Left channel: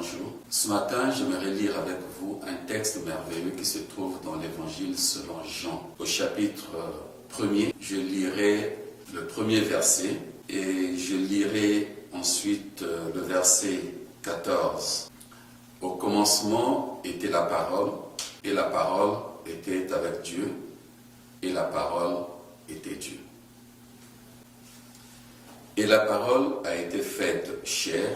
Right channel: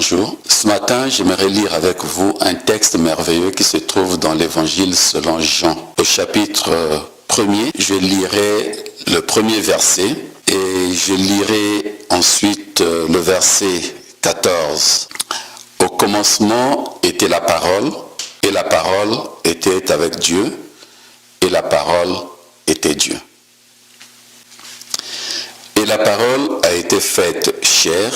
Bonjour. Ce matin, j'aimerais lire avec vous un texte merveilleux qui se trouve dans l'Évangile selon Jean. Au chapitre 1er, je lirai le premier verset et je lirai ensuite le verset 14. Au commencement était la parole, et la parole était avec Dieu, et la parole était Dieu. Et la parole a été faite chair,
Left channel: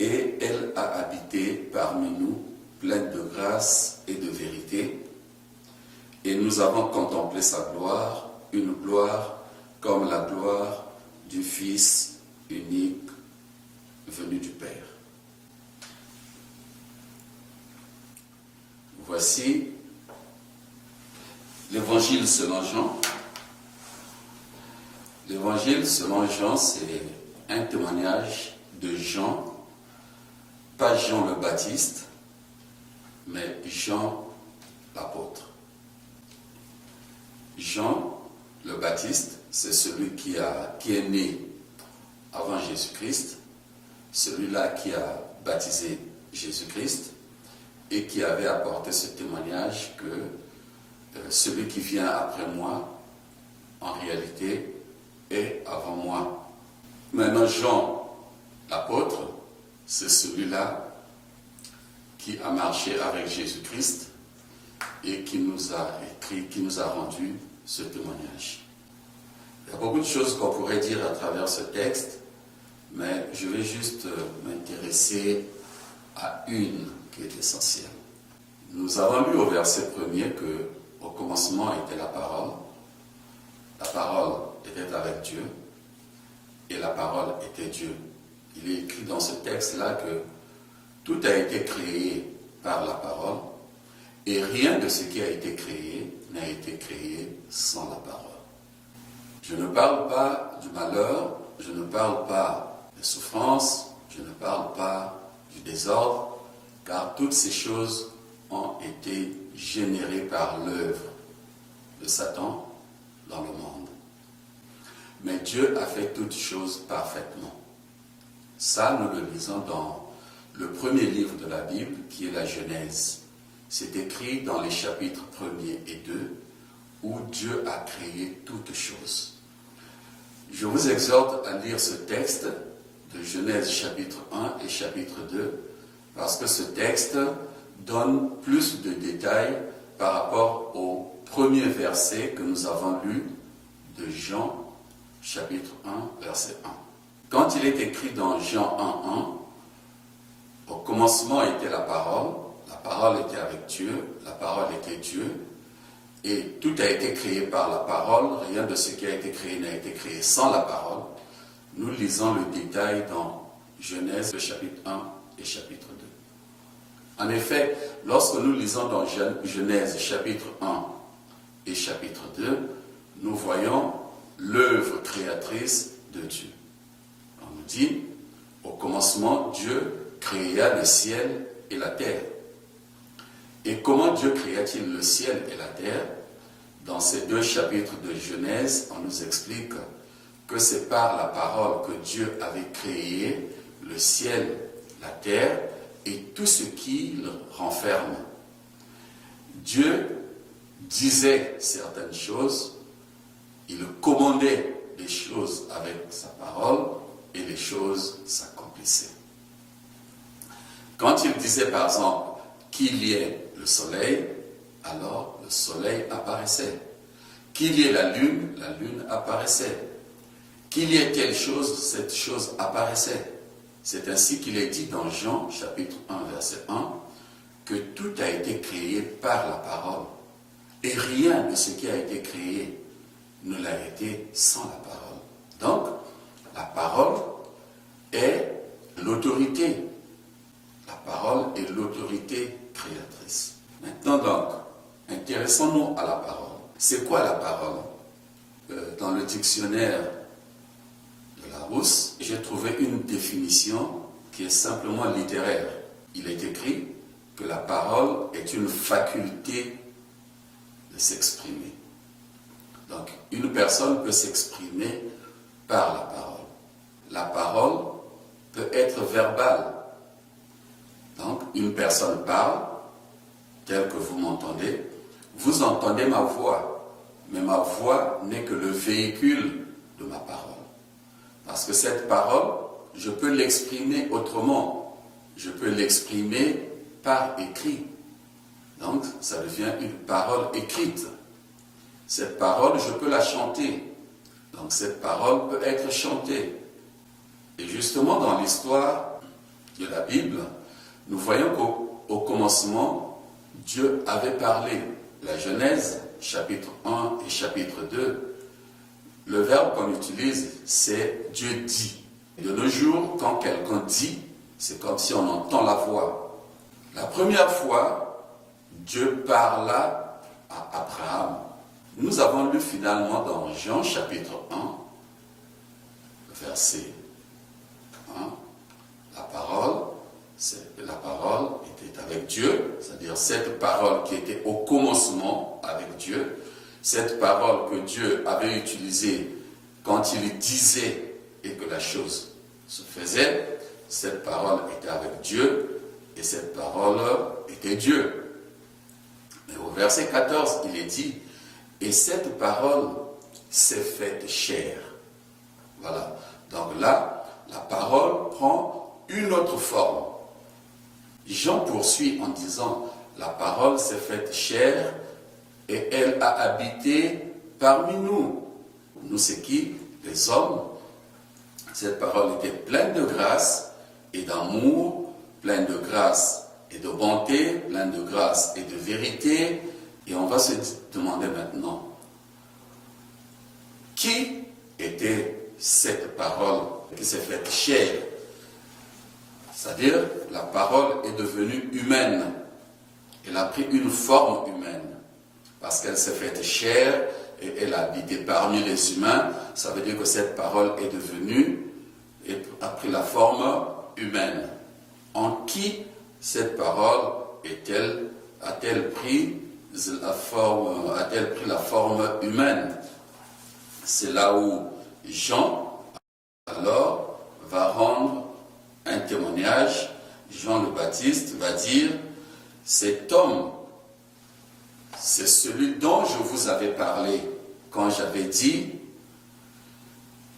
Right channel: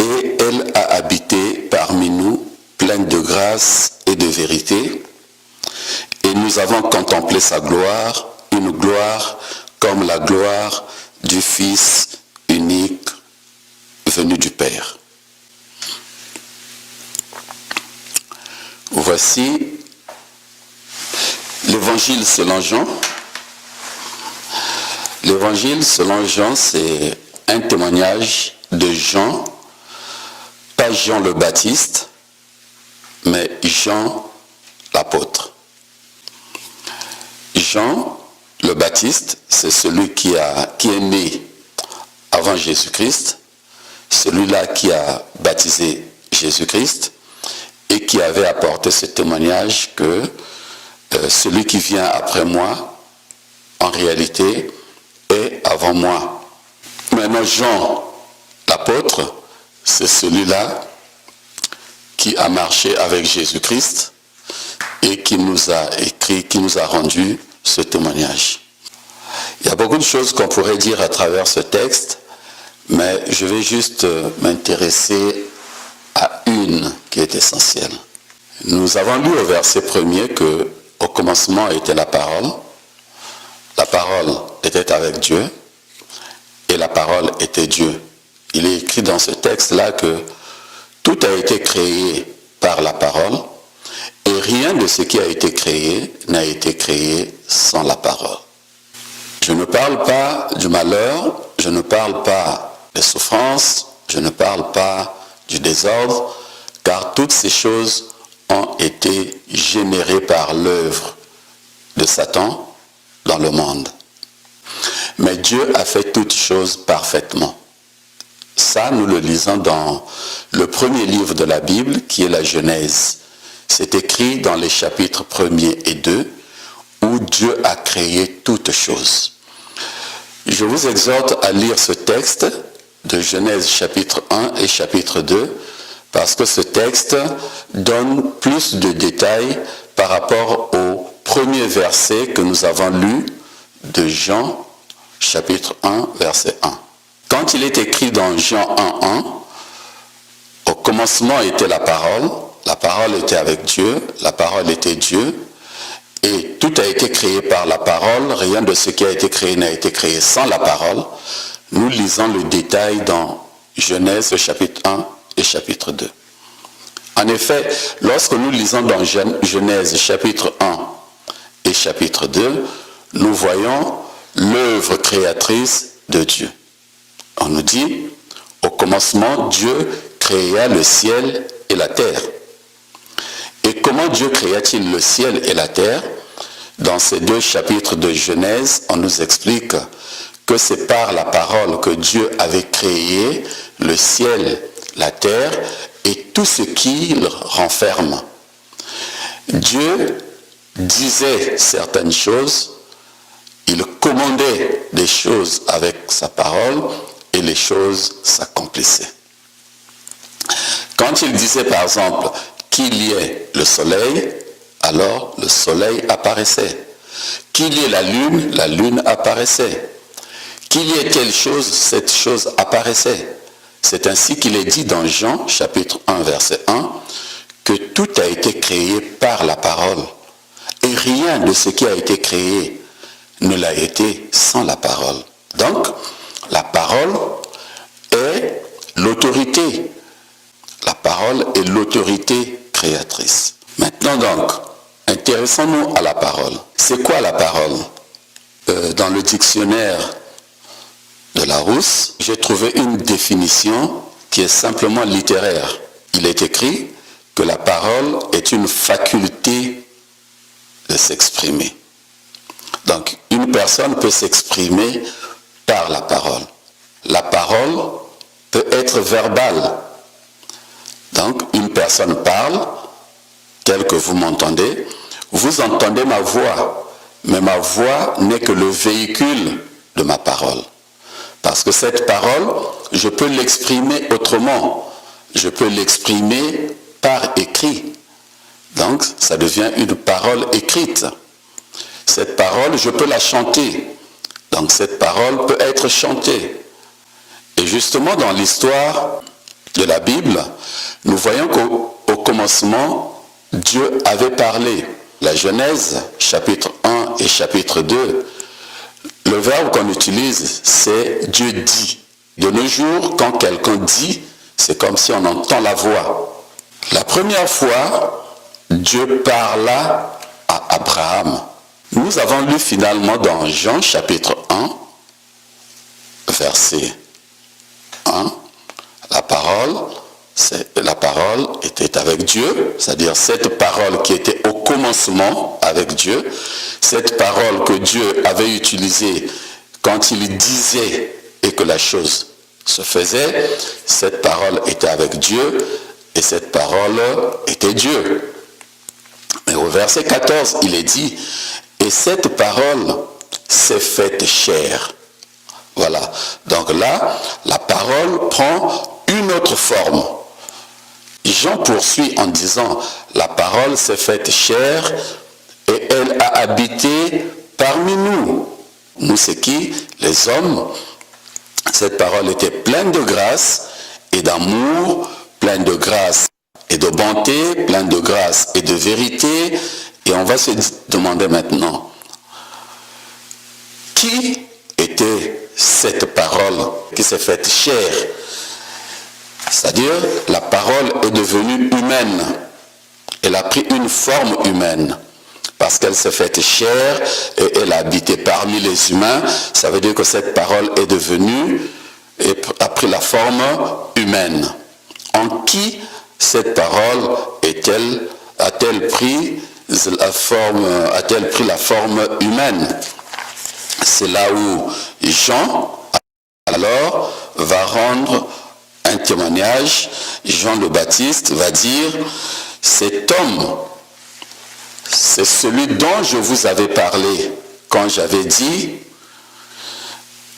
et elle a habité parmi nous, pleine de grâce et de vérité. Et nous avons contemplé sa gloire, une gloire comme la gloire du Fils unique venu du Père. Voici l'Évangile selon Jean. L'Évangile selon Jean, c'est un témoignage de Jean, pas Jean le Baptiste, mais Jean l'apôtre. Jean le Baptiste, c'est celui qui est né avant Jésus-Christ, celui-là qui a baptisé Jésus-Christ et qui avait apporté ce témoignage que celui qui vient après moi, en réalité, est avant moi. Maintenant, Jean l'apôtre, c'est celui-là qui a marché avec Jésus-Christ et qui nous a écrit, qui nous a rendu ce témoignage. Il y a beaucoup de choses qu'on pourrait dire à travers ce texte, mais je vais juste m'intéresser à une qui est essentielle. Nous avons lu au verset 1er que au commencement était la parole était avec Dieu, et la parole était Dieu. Il est écrit dans ce texte-là que tout a été créé par la parole, et rien de ce qui a été créé n'a été créé sans la parole. Je ne parle pas du malheur, je ne parle pas des souffrances, je ne parle pas du désordre, car toutes ces choses ont été générées par l'œuvre de Satan dans le monde. Mais Dieu a fait toutes choses parfaitement. Ça, nous le lisons dans le premier livre de la Bible, qui est la Genèse. C'est écrit dans les chapitres 1er et 2, où Dieu a créé toutes choses. Je vous exhorte à lire ce texte de Genèse chapitre 1 et chapitre 2, parce que ce texte donne plus de détails par rapport au premier verset que nous avons lu de Jean chapitre 1, verset 1. Quand il est écrit dans Jean 1, 1, au commencement était la parole était avec Dieu, la parole était Dieu, et tout a été créé par la parole, rien de ce qui a été créé n'a été créé sans la parole. Nous lisons le détail dans Genèse chapitre 1 et chapitre 2. En effet, lorsque nous lisons dans Genèse chapitre 1 et chapitre 2, nous voyons l'œuvre créatrice de Dieu. On nous dit, au commencement, Dieu créa le ciel et la terre. Et comment Dieu créa-t-il le ciel et la terre? Dans ces deux chapitres de Genèse, on nous explique que c'est par la parole que Dieu avait créé le ciel, la terre et tout ce qu'il renferme. Dieu disait certaines choses, il commandait des choses avec sa parole et les choses s'accomplissaient. Quand il disait par exemple qu'il y ait le soleil, alors le soleil apparaissait. Qu'il y ait la lune apparaissait. Qu'il y ait telle chose, cette chose apparaissait. C'est ainsi qu'il est dit dans Jean, chapitre 1, verset 1, que tout a été créé par la parole. Et rien de ce qui a été créé ne l'a été sans la parole. Donc, la parole est l'autorité. La parole est l'autorité créatrice. Maintenant donc, intéressons-nous à la parole. C'est quoi la parole? Dans le dictionnaire de Larousse, j'ai trouvé une définition qui est simplement littéraire. Il est écrit que la parole est une faculté de s'exprimer. Donc, une personne peut s'exprimer par la parole. La parole peut être verbale. personne parle, tel que vous m'entendez, vous entendez ma voix, mais ma voix n'est que le véhicule de ma parole. Parce que cette parole, je peux l'exprimer autrement. Je peux l'exprimer par écrit. Donc, ça devient une parole écrite. Cette parole, je peux la chanter. Donc, cette parole peut être chantée. Et justement, dans l'histoire de la Bible, nous voyons qu'au commencement, Dieu avait parlé. La Genèse, chapitre 1 et chapitre 2, le verbe qu'on utilise, c'est Dieu dit. De nos jours, quand quelqu'un dit, c'est comme si on entend la voix. La première fois, Dieu parla à Abraham. Nous avons lu finalement dans Jean chapitre 1, verset 1, la parole était avec Dieu, c'est-à-dire cette parole qui était au commencement avec Dieu, cette parole que Dieu avait utilisée quand il disait et que la chose se faisait, cette parole était avec Dieu et cette parole était Dieu. Mais au verset 14, il est dit, et cette parole s'est faite chair. Voilà. Donc là, la parole prend une autre forme. Jean poursuit en disant, la parole s'est faite chair et elle a habité parmi nous. Nous, c'est qui? Les hommes. Cette parole était pleine de grâce et d'amour, pleine de grâce et de bonté, pleine de grâce et de vérité. Et on va se demander maintenant, qui était cette parole qui s'est faite chair? C'est-à-dire, la parole est devenue humaine. Elle a pris une forme humaine. Parce qu'elle s'est faite chair et elle a habité parmi les humains. Ça veut dire que cette parole est devenue et a pris la forme humaine. En qui cette parole a-t-elle pris la forme humaine? C'est là où Jean, alors, va rendre un témoignage. Jean le Baptiste va dire, cet homme, c'est celui dont je vous avais parlé quand j'avais dit,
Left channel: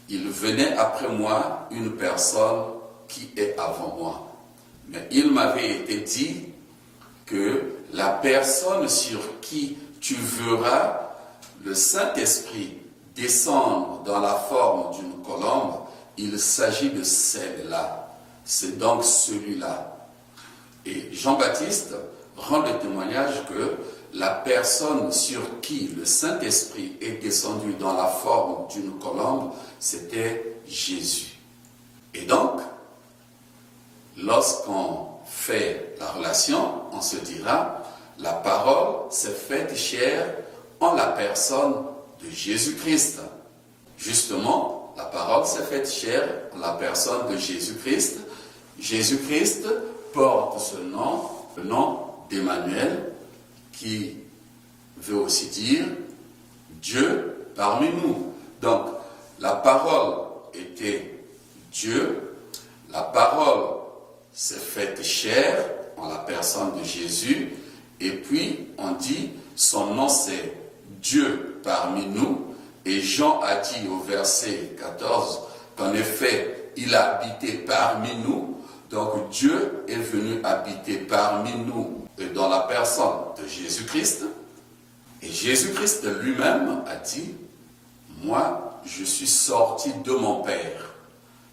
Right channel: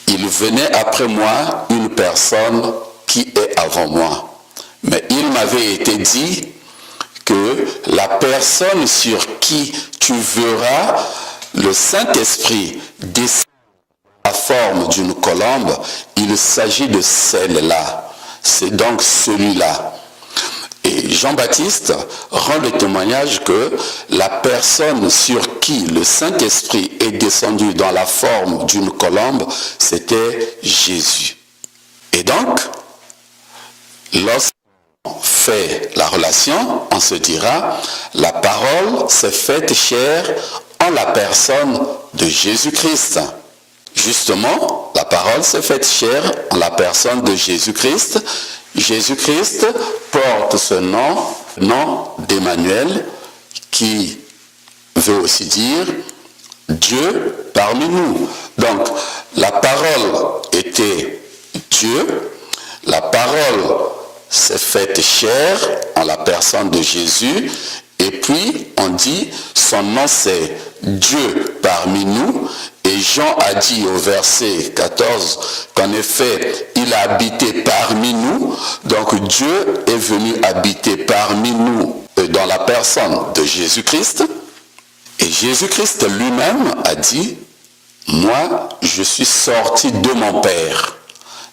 il venait après moi une personne qui est avant moi. Mais il m'avait été dit que la personne sur qui tu verras le Saint-Esprit descendre dans la forme d'une colombe, il s'agit de celle-là. C'est donc celui-là. Et Jean-Baptiste rend le témoignage que la personne sur qui le Saint-Esprit est descendu dans la forme d'une colombe, c'était Jésus. Et donc, lorsqu'on fait la relation, on se dira, la parole s'est faite chair en la personne de Jésus-Christ. Justement, la parole s'est faite chair en la personne de Jésus-Christ. Jésus-Christ porte ce nom d'Emmanuel, qui veut aussi dire Dieu parmi nous. Donc, la parole était Dieu, la parole s'est faite chair en la personne de Jésus, et puis on dit son nom c'est Dieu parmi nous. Et Jean a dit au verset 14 qu'en effet, il a habité parmi nous. Donc Dieu est venu habiter parmi nous dans la personne de Jésus-Christ. Et Jésus-Christ lui-même a dit, moi, je suis sorti de mon Père.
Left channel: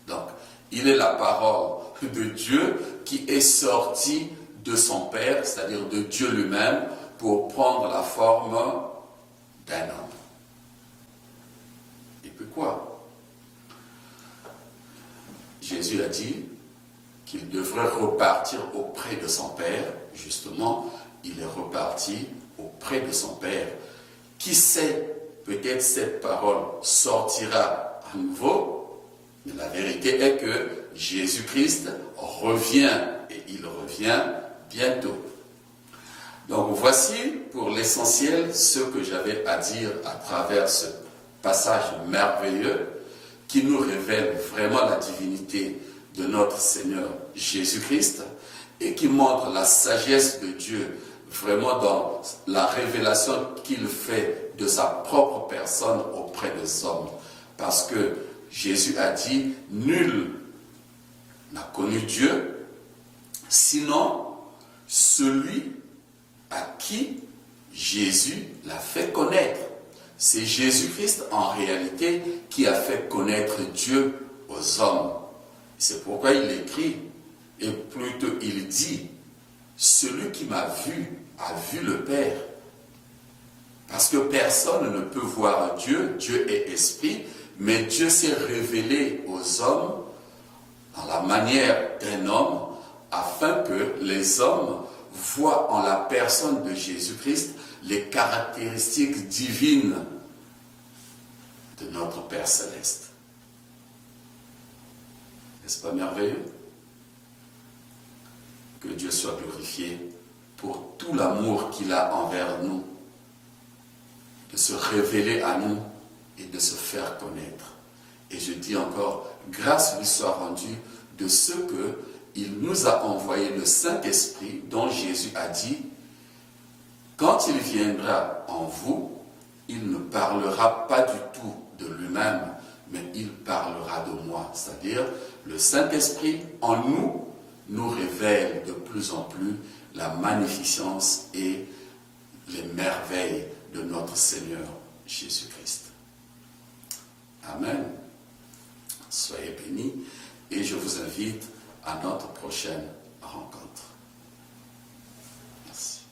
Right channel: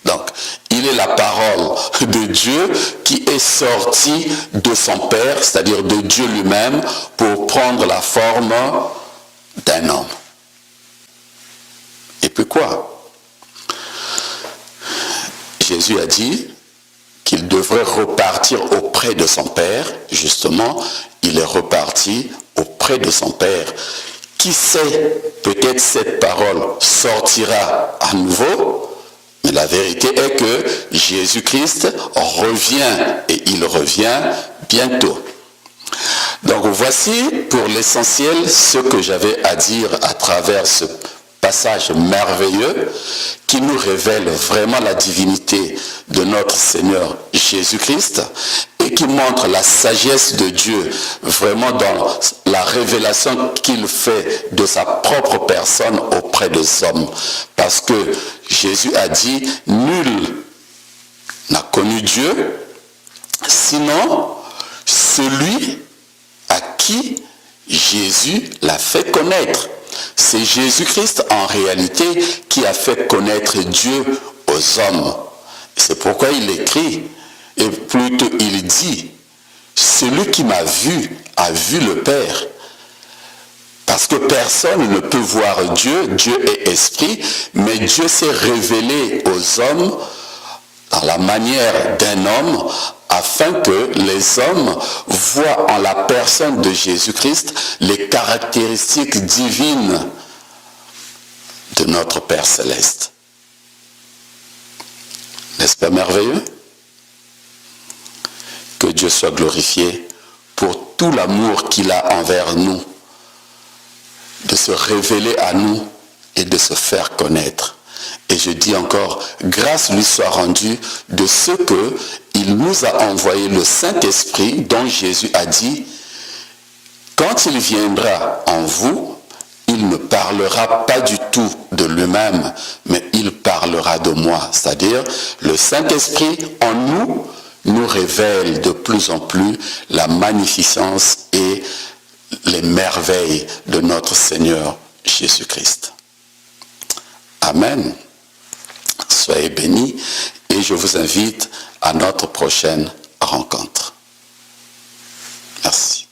Donc, il est la parole de Dieu qui est sortie de son Père, c'est-à-dire de Dieu lui-même, pour prendre la forme d'un homme. Et puis quoi? Jésus a dit qu'il devrait repartir auprès de son Père. Justement, il est reparti auprès de son Père. Qui sait, peut-être cette parole sortira à nouveau, mais la vérité est que Jésus-Christ revient, et il revient bientôt. Donc voici pour l'essentiel ce que j'avais à dire à travers ce passage merveilleux qui nous révèle vraiment la divinité de notre Seigneur Jésus-Christ et qui montre la sagesse de Dieu vraiment dans la révélation qu'il fait de sa propre personne auprès des hommes. Parce que Jésus a dit, nul n'a connu Dieu, sinon celui à qui Jésus l'a fait connaître. C'est Jésus-Christ en réalité qui a fait connaître Dieu aux hommes. C'est pourquoi il écrit, et plutôt il dit, celui qui m'a vu a vu le Père. Parce que personne ne peut voir Dieu, Dieu est esprit, mais Dieu s'est révélé aux hommes dans la manière d'un homme, afin que les hommes voient en la personne de Jésus-Christ les caractéristiques divines de notre Père Céleste. N'est-ce pas merveilleux? Que Dieu soit glorifié pour tout l'amour qu'il a envers nous, de se révéler à nous et de se faire connaître. Et je dis encore, grâce lui soit rendue de ce qu'il nous a envoyé le Saint-Esprit dont Jésus a dit, quand il viendra en vous, il ne parlera pas du tout de lui-même, mais il parlera de moi. C'est-à-dire, le Saint-Esprit en nous révèle de plus en plus la magnificence et les merveilles de notre Seigneur Jésus-Christ. Amen. Soyez bénis et je vous invite à notre prochaine rencontre. Merci.